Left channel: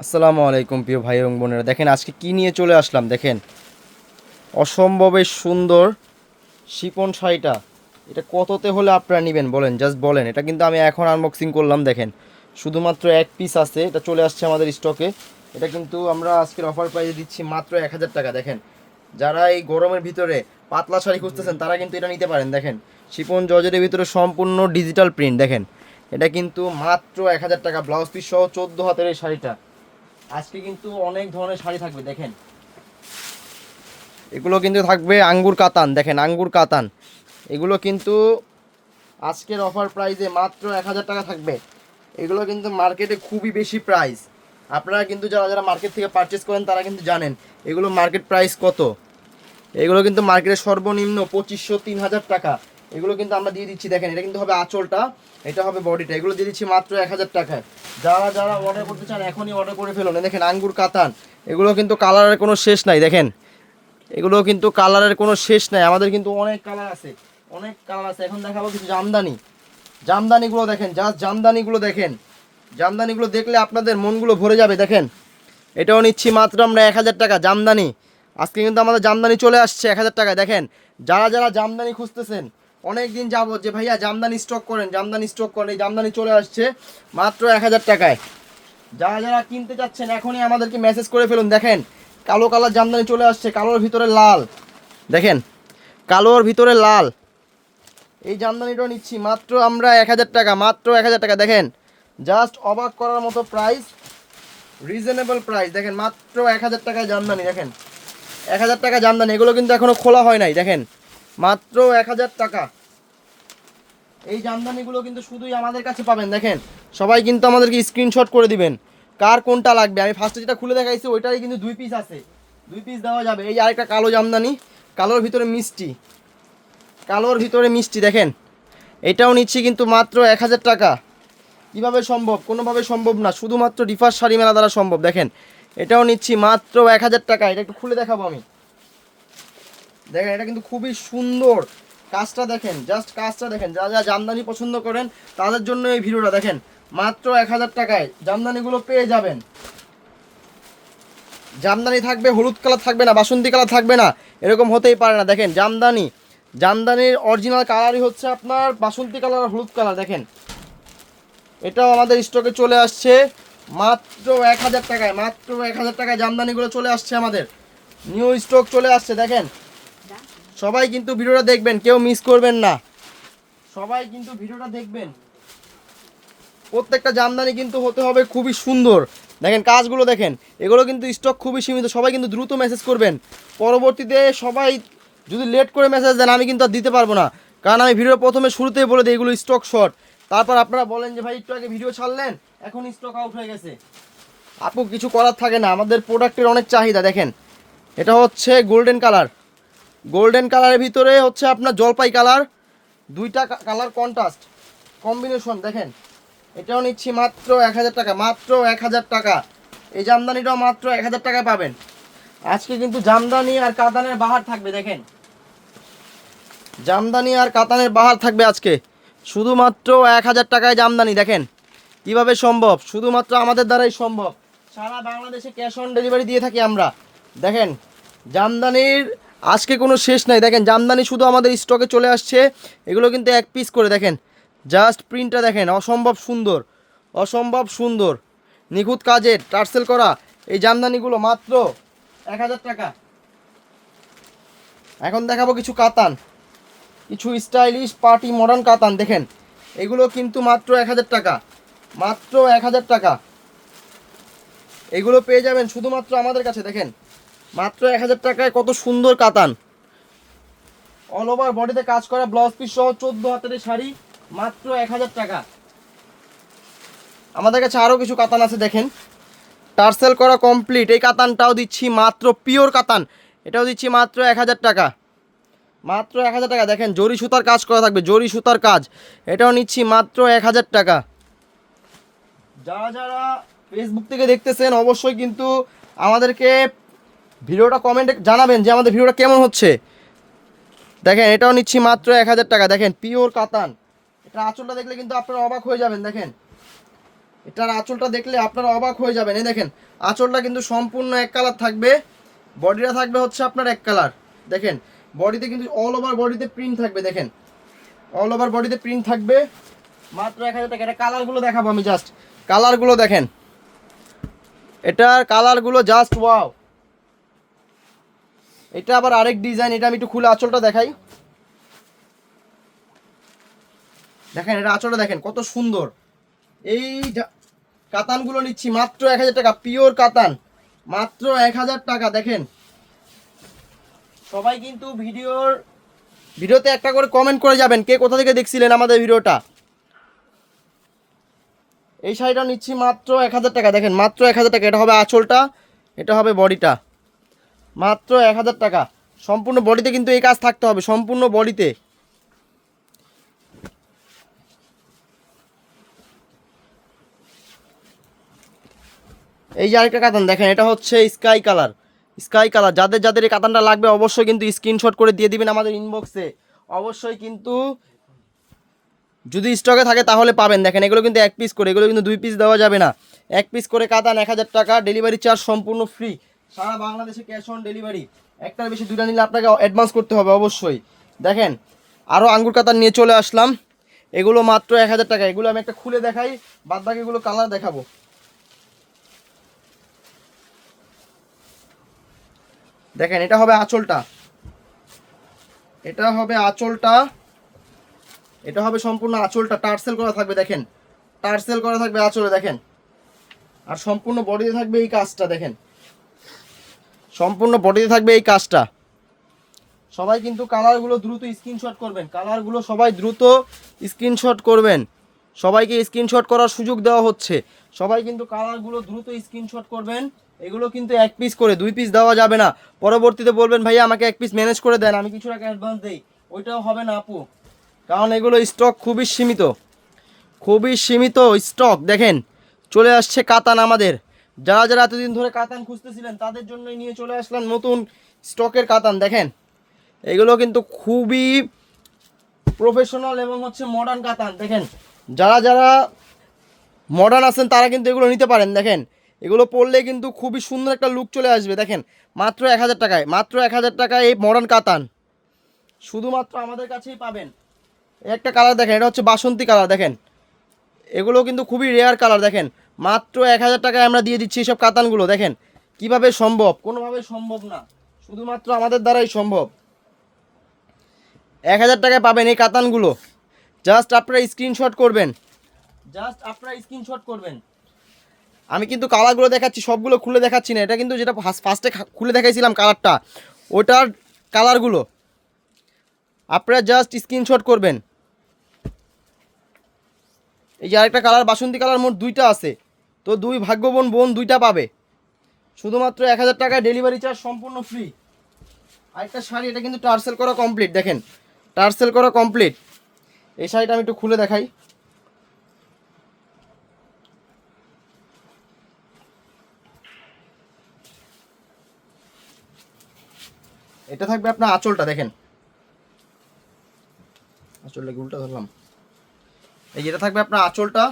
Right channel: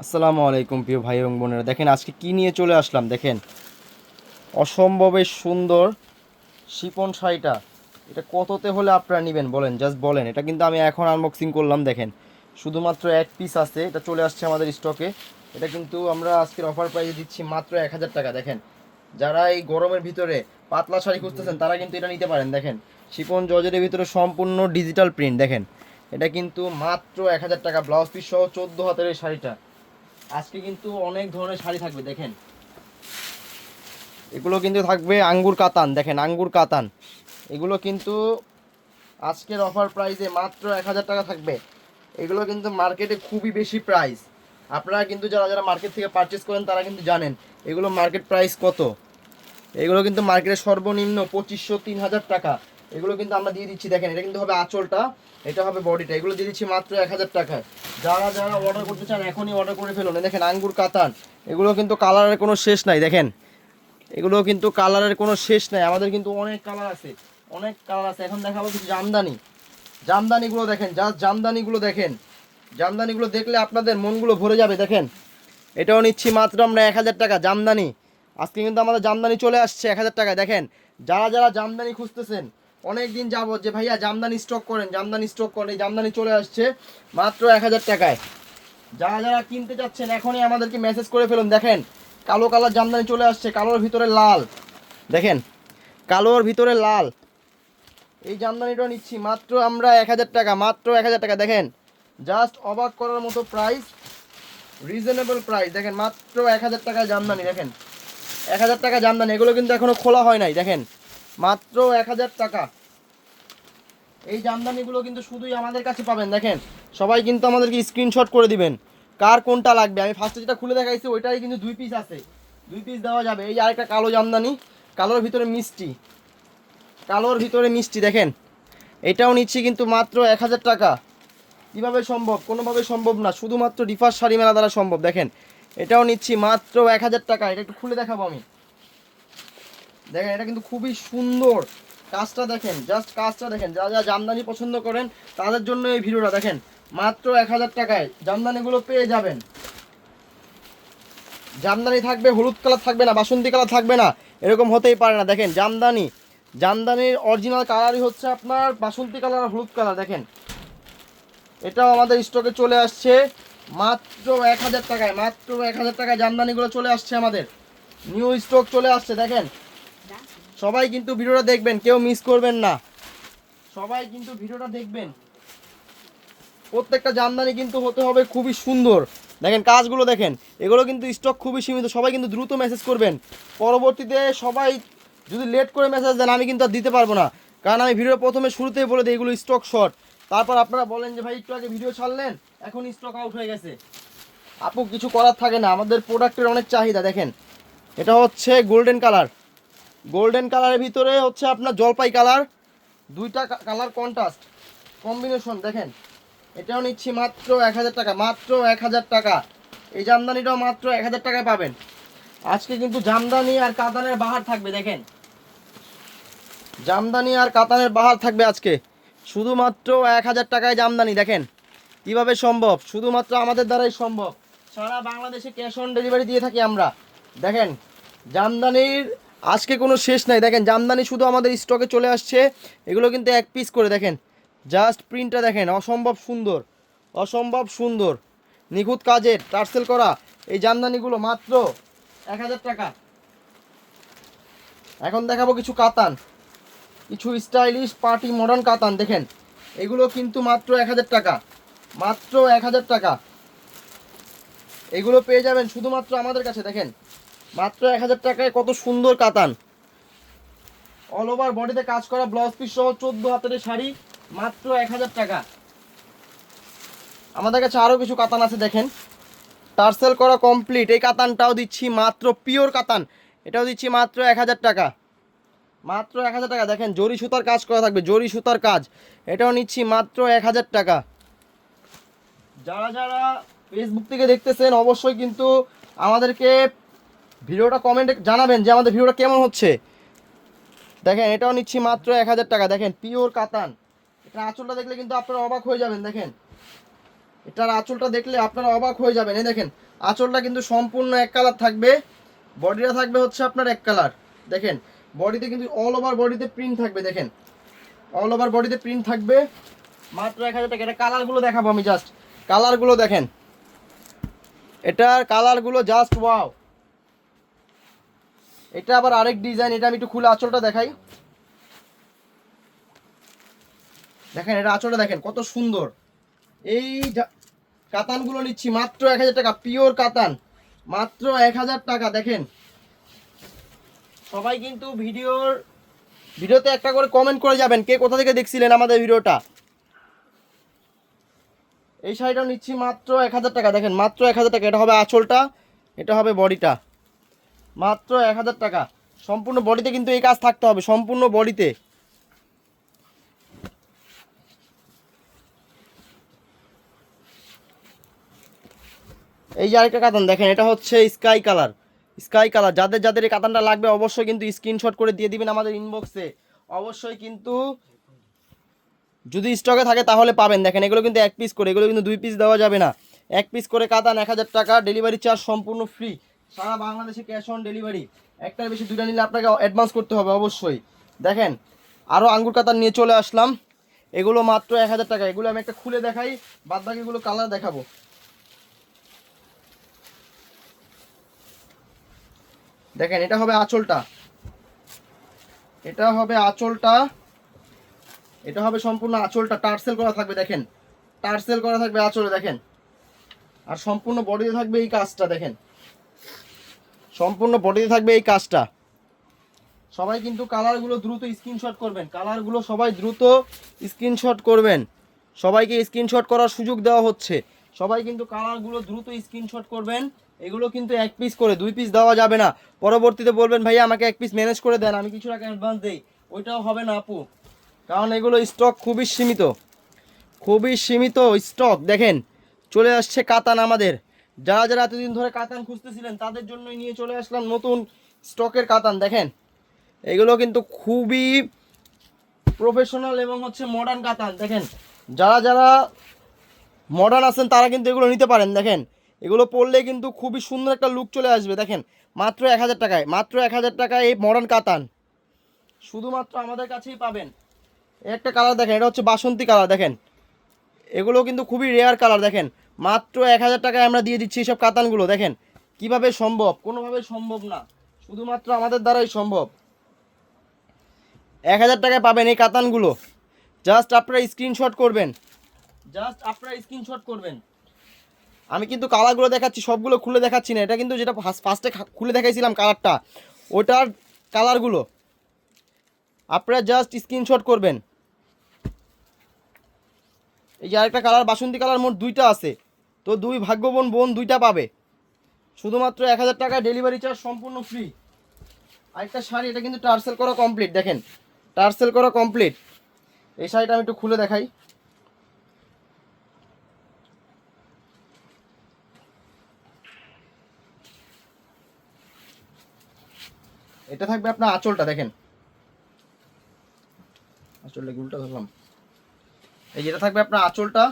আসসালামু আলাইকুম প্রিয় ভাই এবং বোনেরা। দেখেন, আজকে কি নিয়ে চলে আসলাম? দেখেন অসম্ভবে সুন্দর শিপন শাড়িটা। এটা কততে হলে আপনারা নেবেন? বলেন জাস্ট বলেন। এটা কিন্তু আমি এখন আনবক্সিং করলাম, দেখেন। শুধুমাত্র এক পিস আছে, এটা চলে আসছে আমাদের স্টকে এটা কিন্তু আমরা আজকের অফার প্রাইসে দিচ্ছি মাত্র এক হাজার টাকা, দেখেন। যারা এই গরমের ভিতরে পাতলা শাড়ি খুঁজতেছেন, তারা কিন্তু এটা নিতে পারেন, দেখেন। শিপন জর্জেটের ভিতরে সম্পূর্ণ ডিজিটাল প্রিন্ট দেখেন। এটা কিন্তু মাত্র এক হাজার টাকা ব্লাউজ পিস সহ চোদ্দ হাতের এই শাড়িটা। আজকে কিন্তু অনেক ধরনের শাড়ি থাকবে, দেখেন। এগুলো কিন্তু থাকবে আঙ্গুর কাতান, দেখেন, আঙ্গুর কাতান। এগুলো কিন্তু আজকের অফার প্রাইসে মাত্র এক হাজার টাকা থাকবে। এগুলো কিন্তু মার্কেটে খুবই বেশি প্রাইস আপনারা কিন্তু যারা যারা মার্কেট থেকে পারচেস করেন, তারা কিন্তু জানেন এগুলো মার্কেট প্রাইস কত। এগুলো কিন্তু মার্কেটে সর্বনিম্ন পঁচিশশো তিন হাজার টাকা। এগুলো কিন্তু আমরা দিয়ে দিচ্ছি, দেখেন, এটা কিন্তু হবে আঁচলটা, এটা হবে বডিটা, এগুলো দিয়ে দিচ্ছি মাত্র এক হাজার টাকায়। যারা যারা অর্ডার করতে চান, এখনই অর্ডার করে ফেলুন। দেখেন, আঙ্গুর, কাতান, এগুলো কিন্তু কালারের কোনো শেষ নাই, দেখেন। এগুলো কিন্তু কালারের কোনো শেষ নাই, আমাদের কিন্তু অনেক কালার আছে, অনেক কালার আছে। এখন দেখাবো কিছু জামদানি। জামদানিগুলো দেখেন জাস্ট জামদানিগুলো দেখেন। জামদানিগুলো দেখলে আপনাদের মনগুলো ভরে যাবে, দেখেন। এটাও নিচ্ছি মাত্র আমরা এক হাজার টাকা, জামদানি। আজকে কিন্তু আমাদের জামদানি চলে আসছে এক হাজার টাকা দেখেন। যারা যারা জামদানি খুঁজতেছেন অনেক দিন যাব যে ভাইয়া জামদানি স্টক করেন, জামদানি স্টক করেন, এই জামদানি চলে আসছে মাত্র এক হাজার টাকায়। যারা যারা কিনতে যাচ্ছেন এখনই আমাদেরকে মেসেজ করে ফেলুন। দেখেন, কালো কালার জামদানি চলে আসছে, কালোর ভিতরে লাল। দেখেন, কালোর ভিতরে লাল। এই জামদানিটা নিচ্ছি, মাত্র আমরা এক হাজার টাকা, মাত্র এক হাজার টাকা। দেখেন জাস্ট অবাক করার মতো প্রাইস রিজনেবল প্রাইস দেখেন, মাত্র এক হাজার টাকায় জামদানি, দেখেন। এক হাজার টাকা জামদানি, এগুলো কিন্তু এখনও খোলা হয় নাই, দেখেন। মাত্র এক হাজার টাকা। এই জামদানিগুলো কিন্তু শুধুই আমাদের কাছে পাবেন, দেখেন। সবাই কিন্তু আমাদেরকে স্ক্রিনশট করে দিবেন, কার কোনটা লাগবে। আমি ফার্স্টে যেটা খুলে দেখাইছি, ওইটাই কিন্তু দুই পিস আছে। দুই পিস দেওয়া যাবে। এই আরেকটা কালো জামদানি, কালোর ভিতরে মিষ্টি। কালোর ভিতরে মিষ্টি, দেখেন। এটাও নিচ্ছি কিন্তু মাত্র এক হাজার টাকা। কীভাবে সম্ভব? কোনোভাবে সম্ভব না। শুধুমাত্র ডিফার শাড়ি মেলা দ্বারা সম্ভব, দেখেন। এটাও নিচ্ছি মাত্র এক হাজার টাকা। এটা একটু খুলে দেখাবো আমি। দেখেন, এটা কিন্তু খুবই সুন্দর। কাজটা দেখেন জাস্ট কাজটা দেখেন। যারা যা জামদানি পছন্দ করেন, তাদের জন্য এই ভিডিওটা দেখেন। মাত্র এক হাজার টাকায় জামদানিগুলো পেয়ে যাবেন। জামদানি থাকবে, হলুদ কালার থাকবে না, বাসন্তী কালার থাকবে না, এরকম হতেই পারে না। দেখেন, জামদানি, জামদানির অরিজিনাল কালারই হচ্ছে আপনার বাসন্তী কালার আর হলুদ কালার। দেখেন, এটাও আমাদের স্টকে চলে আসছে। মাত্র এক হাজার টাকায়, মাত্র এক হাজার টাকায় জামদানিগুলো চলে আসছে আমাদের। নিউ স্টক চলে আসছে, দেখেন। সবাই কিন্তু ভিডিওটা দেখবেন, কেউ মিস করবেন না। সবাই কিন্তু ভিডিওটা দেখবেন। প্রত্যেকটা জামদানি কিন্তু হতে হবে খুবই সুন্দর। দেখেন কাজগুলো দেখেন, এগুলো কিন্তু স্টক খুবই সীমিত, সবাই কিন্তু দ্রুত মেসেজ করবেন। পরবর্তীতে সবাই যদি লেট করে মেসেজ দেন, আমি কিন্তু আর দিতে পারব না। কারণ আমি ভিডিও প্রথমে শুরুতেই বলে দিই, এগুলো স্টক শর্ট তারপর আপনারা বলেন যে, ভাই, একটু আগে ভিডিও ছাড়লেন, এখন স্টক আউট হয়ে গেছে। আপু, কিছু করার থাকে না। আমাদের প্রোডাক্টের অনেক চাহিদা, দেখেন। এটা হচ্ছে গোল্ডেন কালার গোল্ডেন কালারের ভিতরে হচ্ছে আপনার জলপাই কালার দুইটা কালার কন্ট্রাস্ট কম্বিনেশন দেখেন। এটাও নিচ্ছি মাত্র এক হাজার টাকা, মাত্র এক হাজার টাকা। এই জামদানিটাও মাত্র এক হাজার টাকা পাবেন। আজকে কিন্তু জামদানি আর কাতানের বাহার থাকবে, দেখেন। জামদানি আর কাতানের বাহার থাকবে আজকে। শুধুমাত্র এক হাজার টাকায় জামদানি, দেখেন। কীভাবে সম্ভব? শুধুমাত্র আমাদের দ্বারাই সম্ভব। সারা বাংলাদেশে ক্যাশ অন ডেলিভারি দিয়ে থাকি আমরা। দেখেন, জামদানির আজকে কোনো শেষ নাই। দেখেন, জামদানি শুধু আমাদের স্টকে চলে আসছে। এগুলো কিন্তু এক পিস করে, দেখেন। জাস্ট প্রিন্টটা দেখেন, অসম্ভব সুন্দর অসম্ভব সুন্দর। নিখুঁত কাজের টার্সেল করা। এই জামদানিগুলো মাত্র এক হাজার টাকা। এখন দেখাবো কিছু কাতান। কিছু স্টাইলিশ পার্টি মডার্ন কাতান, দেখেন। এগুলো কিন্তু মাত্র এক হাজার টাকা। মাত্র এক হাজার টাকা। এগুলো পেয়ে যাবেন শুধুমাত্র আমাদের কাছে, দেখেন। মাত্র এক হাজার টাকায় কত সুন্দর কাতান। অল ওভার বডিতে কাজ করা ব্লাউজ পিস সহ চোদ্দ হাতের শাড়ি, মাত্র এক হাজার টাকা। আমাদের কাছে আরও কিছু কাতান আছে, দেখেন। টার্সেল করা কমপ্লিট এই কাতানটাও দিচ্ছি মাত্র পিওর কাতান। এটাও দিচ্ছি মাত্র এক হাজার টাকা। মাত্র এক হাজার টাকা, দেখেন, জরি সুতার কাজ করা থাকবে, জরি সুতার কাজ। এটাও নিচ্ছি মাত্র এক হাজার টাকা। যারা যারা ফেসবুক থেকে দেখতেছেন, অবশ্যই কিন্তু আমাদেরকে ভিডিওটা কমেন্টে জানাবেন যে আমাদের ভিডিওটা কেমন হচ্ছে। দেখেন, এটাও নিচ্ছি মাত্র এক হাজার টাকা। দেখেন পিওর কাতান। এটা আঁচলটা দেখলে কিন্তু আপনারা অবাক হয়ে যাবেন, দেখেন। এটার আঁচলটা দেখলে আপনারা অবাক হয়ে যাবেন। এই দেখেন, আঁচলটা কিন্তু সম্পূর্ণ এক কালার থাকবে। বডিটা থাকবে হচ্ছে আপনার এক কালার দেখেন বডিতে কিন্তু অল ওভার বডিতে প্রিন্ট থাকবে, দেখেন। অল ওভার বডিতে প্রিন্ট থাকবে। মাত্র এক হাজার টাকা। এটা কালারগুলো দেখাবো আমি জাস্ট কালারগুলো দেখেন। এটার কালারগুলো জাস্ট ওয়াও এটা আবার আরেক ডিজাইন এটা আমি একটু খুলে আঁচলটা দেখাই। দেখেন, এটা আঁচলটা দেখেন, কত সুন্দর। এই কাতানগুলো নিচ্ছি, মাত্র এক হাজার টাকা পিওর কাতান। মাত্র এক হাজার টাকা, দেখেন। সবাই কিন্তু ভিডিওর, ভিডিওতে একটা করে কমেন্ট করে যাবেন, কে কোথা থেকে দেখছিলেন আমাদের ভিডিওটা? এই শাড়িটা নিচ্ছি মাত্র এক হাজার টাকা, দেখেন, মাত্র এক হাজার টাকা, এটা হবে আঁচলটা, এটা হবে বডিটা। মাত্র এক হাজার টাকা। সম্পূর্ণ বডিতে কিন্তু এই কাজ থাকতে হবে, সম্পূর্ণ বডিতে। এই যে আরেকটা কাতান দেখেন, এটা হচ্ছে স্কাই কালার। স্কাই কালার, যাদের যাদের এই কাতানটা লাগবে অবশ্যই কিন্তু স্ক্রিনশট করে দিয়ে দিবেন আমাদের ইনবক্সে অবশ্যই কিন্তু যদি স্টকে থাকে তাহলে পাবেন। দেখেন, এগুলো কিন্তু এক পিস করে, এগুলো কিন্তু দুই পিস দেওয়া যাবে না। এক পিস করে কাতান এক হাজার টাকা ডেলিভারি চার্জ সম্পূর্ণ ফ্রি সারা বাংলাদেশে ক্যাশ অন ডেলিভারি একটার বেশি দুটা নিলে আপনাকে অ্যাডভান্স করতে হবে, অবশ্যই। দেখেন আরও আঙ্গুর কাতান নিয়ে চলে আসলাম। এগুলো মাত্র এক হাজার টাকা। এগুলো আমি একটা খুলে দেখাই, বাদ বাকিগুলো কালার দেখাবো। দেখেন, এটা হবে আঁচলটা। এটা হবে আঁচলটা। এটা হবে সম্পূর্ণ আঁচলটা। টার্সেল করা থাকবে, দেখেন। টার্সেল করা থাকবে আঁচলে, দেখেন। আর সম্পূর্ণ বডিতে থাকবে এই কাজটা, দেখেন। সম্পূর্ণ বডিতে থাকবে এই কাজটা। সবাই কিন্তু কালারগুলো দ্রুত স্ক্রিনশট করবেন। কালারগুলো সবাই দ্রুত স্ক্রিনশট করবেন। সবাইকে স্ক্রিনশট করার সুযোগ দেওয়া হচ্ছে। সবাই কিন্তু কালারগুলো দ্রুত স্ক্রিনশট করবেন। এগুলো কিন্তু এক পিস করে, দুই পিস দেওয়া যাবে না। পরবর্তীতে বলবেন, ভাইয়া, আমাকে এক পিস ম্যানেজ করে দেন, আমি কিছু টাকা অ্যাডভান্স দেই। ওইটাও হবে না, আপু। কারণ এগুলো স্টক খুবই সীমিত। খুবই সীমিত স্টক দেখেন। চলে আসছে কাতান আমাদের। যারা যারা এতদিন ধরে কাতান খুঁজতেছিলেন, তাদের জন্যই নিয়ে চলে আসলেন নতুন স্টকের কাতান, দেখেন। এগুলো কিন্তু খুবই প্রফেশনাল এবং হচ্ছে মডার্ন কাতান, দেখেন। যারা যারা মডার্ন আছেন, তারা কিন্তু এগুলো নিতে পারেন, দেখেন। এগুলো পরলে কিন্তু খুবই সুন্দর একটা লুক চলে আসবে, দেখেন। মাত্র এক হাজার টাকায়, মাত্র এক হাজার টাকায় এই মডার্ন কাতান। শুধুমাত্র আমাদের কাছেই পাবেন। একটা কালার দেখেন, এটা হচ্ছে বাসন্তী কালার দেখেন। এগুলো কিন্তু খুবই রেয়ার কালার দেখেন। মাত্র এক হাজার টাকায় আমরা দিয়ে দিচ্ছি এইসব কাতানগুলো, দেখেন। কীভাবে সম্ভব? কোনোভাবে সম্ভব না। শুধুমাত্র আমাদের দ্বারাই সম্ভব। এক হাজার টাকায় পাবেন এই কাতানগুলো। জাস্ট আপনারা স্ক্রিনশট করবেন। জাস্ট আপনারা স্ক্রিনশট করবেন। আমি কিন্তু কালারগুলো দেখাচ্ছি, সবগুলো খুলে দেখাচ্ছি না। এটা কিন্তু যেটা ফার্স্টে খুলে দেখাইছিলাম কালারটা। ওটার কালারগুলো। আপনারা জাস্ট স্ক্রিনশট করবেন। এই যে আরেকটা কালার, বাসন্তী কালার মোট দুইটা আছে। তো দুই ভাগ্যবোন বোন দুইটা পাবে। শুধুমাত্র এক হাজার টাকায় ডেলিভারি চার্জ সম্পূর্ণ ফ্রি আরেকটা শাড়ি, এটা কিন্তু টার্সেল করা কমপ্লিট দেখেন। টার্সেল করা কমপ্লিট এই শাড়িটা আমি একটু খুলে দেখাই। এটা থাকবে আপনার আঁচলটা, দেখেন। আঁচলটা কি উল্টা ধরলাম? এই যেটা থাকবে আপনার আঁচলটা।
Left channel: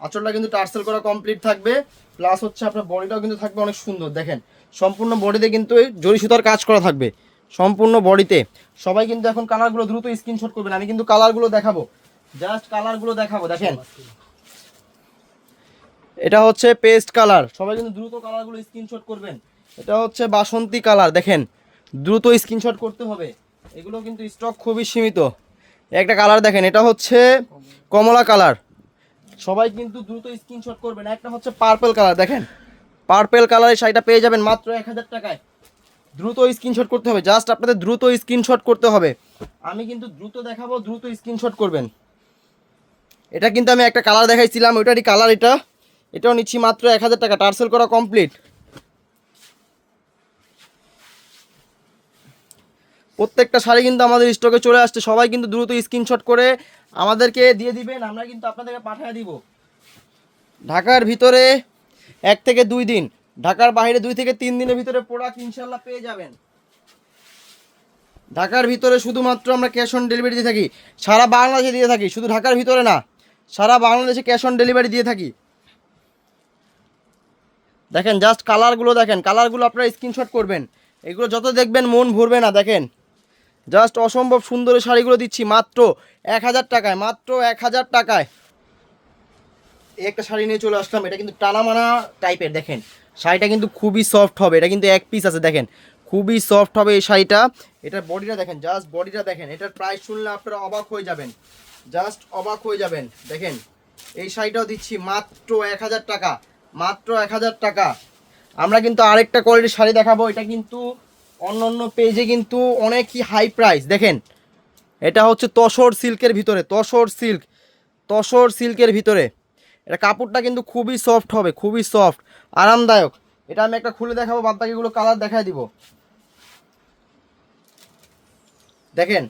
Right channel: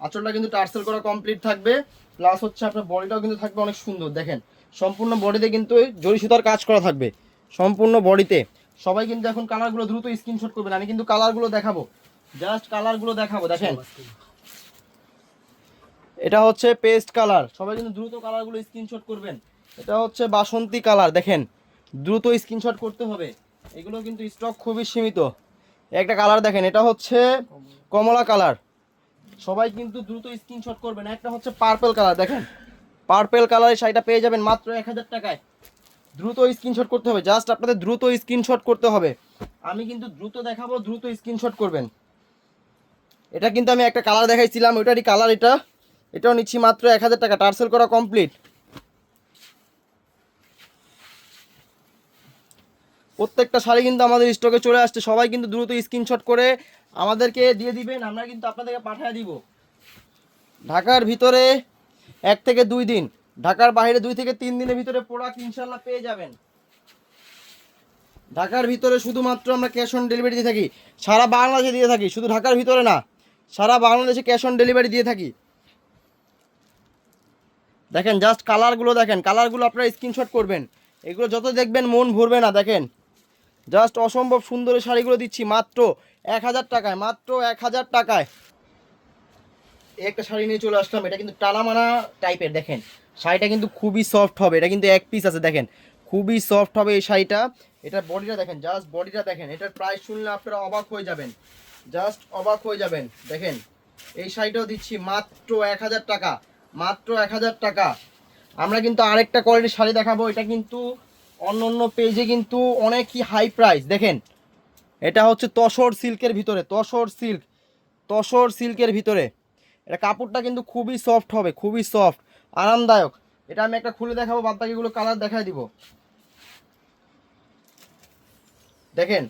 আঁচলটা কিন্তু টার্সেল করা কমপ্লিট থাকবে। প্লাস হচ্ছে আপনার বডিটাও কিন্তু থাকবে অনেক সুন্দর। দেখেন, সম্পূর্ণ বডিতে কিন্তু জরি সুতার কাজ করা থাকবে। সম্পূর্ণ বডিতে। সবাই কিন্তু এখন কালারগুলো দ্রুত স্ক্রিনশট করবেন। আমি কিন্তু কালারগুলো দেখাবো। জাস্ট কালারগুলো দেখাবো। দেখেন। এটা হচ্ছে পেস্ট কালার সবাই কিন্তু দ্রুত কালারগুলো স্ক্রিনশট করবেন। এটা হচ্ছে বাসন্তী কালার দেখেন, দ্রুত স্ক্রিনশট করতে হবে। এগুলো কিন্তু স্টক খুবই সীমিত। একটা কালার দেখেন। এটা হচ্ছে কমলা কালার সবাই কিন্তু দ্রুত স্ক্রিনশট করবেন। একটা হচ্ছে পার্পেল কালার দেখেন। পার্পেল কালারের শাড়িটা পেয়ে যাবেন মাত্র এক হাজার টাকায়। দ্রুত স্ক্রিনশট করতে হবে জাস্ট আপনাদের দ্রুত স্ক্রিনশট করতে হবে। আমি কিন্তু দ্রুত দেখাবো, দ্রুত স্ক্রিনশট করবেন। এটা কিন্তু আমি একটা কালার দেখাইছিলাম, ওইটারই কালার এটা। এটাও নিচ্ছি মাত্র এক হাজার টাকা টার্সেল করা কমপ্লিট প্রত্যেকটা শাড়ি কিন্তু আমাদের স্টকে চলে আসছে, সবাই কিন্তু দ্রুত স্ক্রিনশট করে আমাদেরকে দিয়ে দিবেন, আমরা কিন্তু আপনাদেরকে পাঠিয়ে দিব। ঢাকার ভিতরে এক থেকে দুই দিন, ঢাকার বাইরে দুই থেকে তিন দিনের ভিতরে প্রোডাক্ট ইনশাল্লাহ পেয়ে যাবেন। ঢাকার ভিতরে শুধুমাত্র আমরা ক্যাশ অন ডেলিভারি দিয়ে থাকি, সারা বাংলাদেশে দিয়ে থাকি, শুধু ঢাকার ভিতরে না, সারা বাংলাদেশে ক্যাশ অন ডেলিভারি দিয়ে থাকি। দেখেন জাস্ট কালারগুলো দেখেন কালারগুলো আপনারা স্ক্রিনশট করবেন। এগুলো যত দেখবেন মন ভরবে না, দেখেন। জাস্ট অসম্ভব সুন্দর এই শাড়িগুলো দিচ্ছি, মাত্র এক হাজার টাকায়, মাত্র এক হাজার টাকায়। একটা শাড়ি নিয়ে চলে আসলাম, এটা কিন্তু টানামানা টাইপের দেখেন। শাড়িটা কিন্তু খুবই সফট হবে, এটা কিন্তু এক পিস আছে, দেখেন। খুবই সফট হবে এই শাড়িটা। এটার বডিটা দেখেন জাস্ট বডিটা দেখেন, এটার প্রাইস শুনলে আপনারা অবাক হয়ে যাবেন। জাস্ট অবাক হয়ে যাবেন, দেখেন। এই শাড়িটাও দিচ্ছি মাত্র এক হাজার টাকা, মাত্র এক হাজার টাকা। আমরা কিন্তু আরেকটা কোয়ালিটির শাড়ি দেখাবো, এটা কিন্তু অন্য অন্য পেজে কিন্তু অনেকই হাই প্রাইস দেখেন, এটা হচ্ছে তসর সিল্কের ভিতরে, তসর সিল্ক তসর সিল্কের ভিতরে। এটা কাপড়টা কিন্তু খুবই সফট হবে, খুবই সফট আরামদায়ক। এটা আমি একটা খুলে দেখাবো বাদ বাকিগুলো কালার দেখাই দিব। দেখেন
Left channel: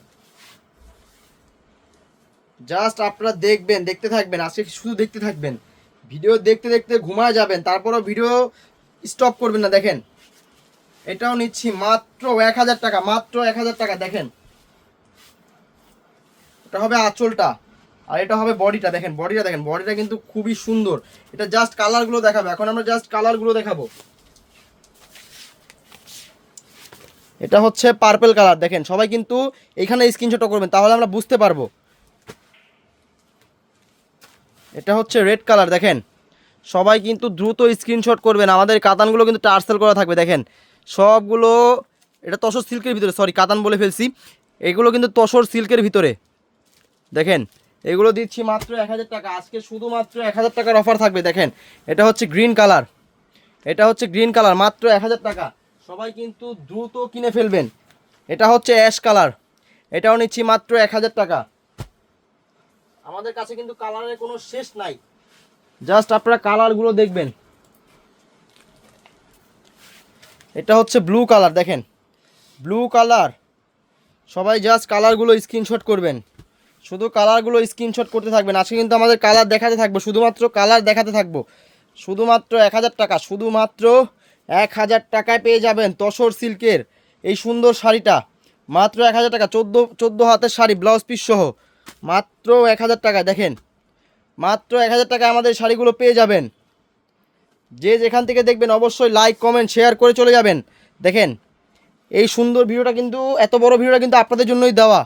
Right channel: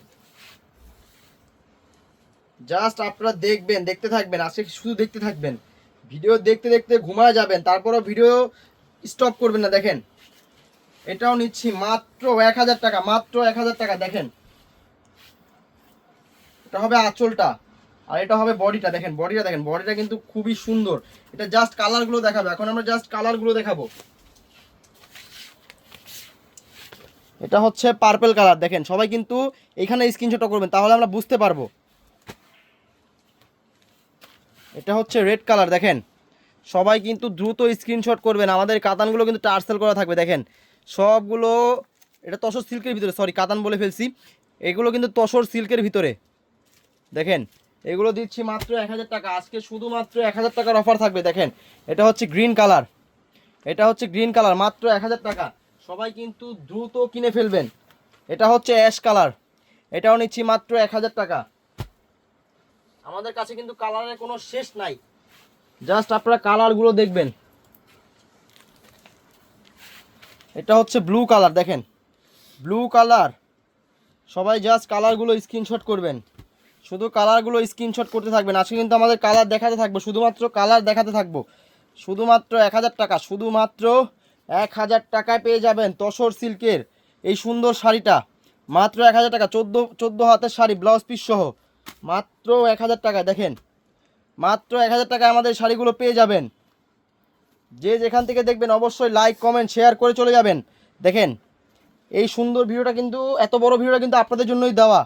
জাস্ট আপনারা দেখবেন, দেখতে থাকবেন, আজকে শুধু দেখতে থাকবেন। ভিডিও দেখতে দেখতে ঘুমায় যাবেন, তারপরও ভিডিও স্টপ করবেন না, দেখেন। এটাও নিচ্ছি মাত্র এক হাজার টাকা, মাত্র এক হাজার টাকা, দেখেন। এটা হবে আঁচলটা, আর এটা হবে বডিটা, দেখেন বডিটা দেখেন, বডিটা কিন্তু খুবই সুন্দর। এটা জাস্ট কালারগুলো দেখাবো, এখন আমরা জাস্ট কালারগুলো দেখাবো। এটা হচ্ছে পার্পেল কালার দেখেন, সবাই কিন্তু এখানে স্ক্রিনশট করবেন, তাহলে আমরা বুঝতে পারব। এটা হচ্ছে রেড কালার দেখেন। সবাই কিন্তু দ্রুত স্ক্রিনশট করবেন, আমাদের কাতানগুলো কিন্তু টার্সেল করা থাকবে, দেখেন। সবগুলো, এটা তসর সিল্কের ভিতরে সরি কাতান বলে ফেলছি। এগুলো কিন্তু তসর সিল্কের ভিতরে। দেখেন, এগুলো দিচ্ছি মাত্র এক হাজার টাকা। আজকে শুধুমাত্র এক হাজার টাকার অফার থাকবে, দেখেন। এটা হচ্ছে গ্রিন কালার এটা হচ্ছে গ্রিন কালার মাত্র এক হাজার টাকা। সবাই কিন্তু দ্রুত কিনে ফেলবেন। এটা হচ্ছে অ্যাশ কালার এটাও নিচ্ছি মাত্র এক হাজার টাকা। আমাদের কাছে কিন্তু কালারের কোনো শেষ নাই। জাস্ট আপনারা কালারগুলো দেখবেন। এটা হচ্ছে ব্লু কালার দেখেন। ব্লু কালার সবাই জাস্ট কালারগুলো স্ক্রিনশট করবেন। শুধু কালারগুলো স্ক্রিনশট করতে থাকবেন। আজকে কিন্তু আমাদের কালার দেখাতে থাকব। শুধুমাত্র কালার দেখাতে থাকব। শুধুমাত্র এক হাজার টাকা, শুধুমাত্র এক হাজার টাকায় পেয়ে যাবেন তসর সিল্কের এই সুন্দর শাড়িটা। মাত্র এক হাজার টাকা, চোদ্দ চোদ্দ হাতের শাড়ি ব্লাউজ পিস সহ। মাত্র এক হাজার টাকা দেখেন। মাত্র এক হাজার টাকায় আমাদের শাড়িগুলো পেয়ে যাবেন। যে যেখান থেকে দেখবেন অবশ্যই লাইক কমেন্ট শেয়ার করে চলে যাবেন। দেখেন, এই সুন্দর ভিডিওটা কিন্তু, এত বড় ভিডিওটা কিন্তু আপনাদের জন্যই দেওয়া।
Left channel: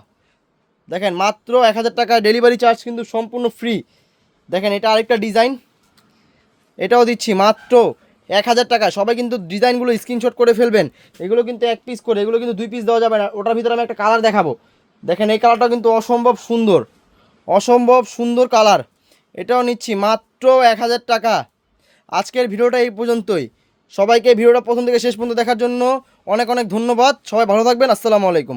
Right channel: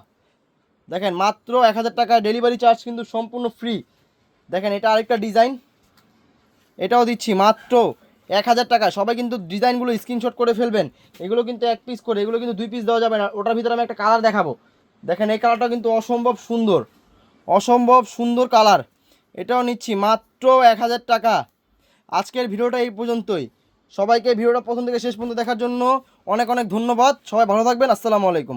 দেখেন, মাত্র এক হাজার টাকা ডেলিভারি চার্জ কিন্তু সম্পূর্ণ ফ্রি দেখেন, এটা আরেকটা ডিজাইন এটাও দিচ্ছি, মাত্র এক হাজার টাকা। সবাই কিন্তু ডিজাইনগুলো স্ক্রিনশট করে ফেলবেন। এগুলো কিন্তু এক পিস করে, এগুলো কিন্তু দুই পিস দেওয়া যাবে না। ওটার ভিতরে আমি একটা কালার দেখাবো। দেখেন, এই কালারটা কিন্তু অসম্ভব সুন্দর। অসম্ভব সুন্দর কালার এটাও নিচ্ছি, মাত্র এক হাজার টাকা। আজকের ভিডিওটা এই পর্যন্তই। সবাইকে ভিডিওটা প্রথম থেকে শেষ পর্যন্ত দেখার জন্য অনেক অনেক ধন্যবাদ। সবাই ভালো থাকবেন। আসসালামু আলাইকুম।